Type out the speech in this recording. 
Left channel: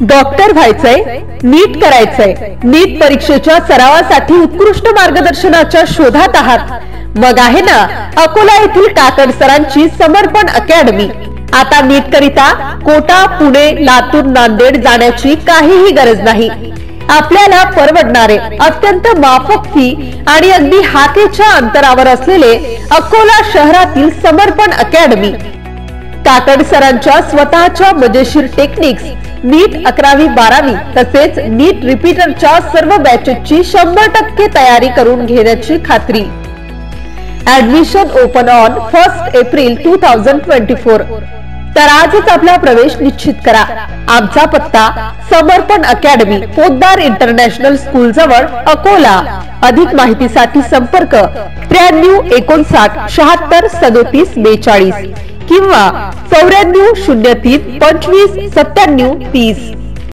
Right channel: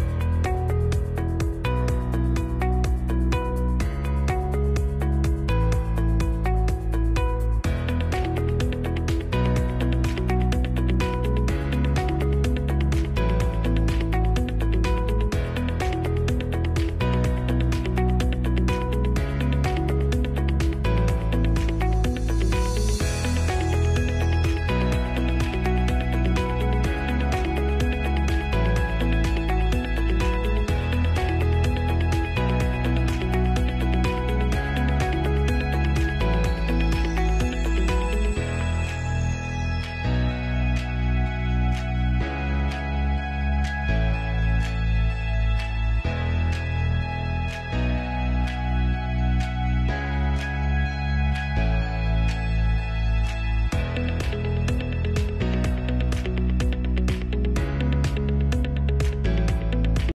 Doctor व्हायचंय, नीट करायचंय, नीट परीक्षेच्या सरावासाठी उत्कृष्ट मार्गदर्शनाच्या शोधात आहात, मग आहे ना अकोला येथील काकड सरांची समर्पण अकॅडमी। आता नीट करिता कोटा, पुणे, लातूर, नांदेड जाण्याची काहीही गरज नाही। आपल्याला परवडणारे, अत्यंत माफक फी आणि अगदी हाकेच्या अंतरावर असलेले अकोला शहरातील समर्पण अकॅडमी। काकड सरांच्या स्वतःच्या मजेशीर टेक्निक्स, नीट 11वी-12वी तसेच नीट रिपीटरच्या सर्व बॅचेसची 100% तयारी करून घेण्याची खात्री। Admission open on 1 April 2024। तर आजच आपला प्रवेश निश्चित करा। आमचा पत्ता समर्पण अकॅडमी, पोद्दार इंटरनॅशनल स्कूल जवळ, अकोला। अधिक माहितीसाठी संपर्क 93 59 76 37 42 किंवा 94 03 25 97 30।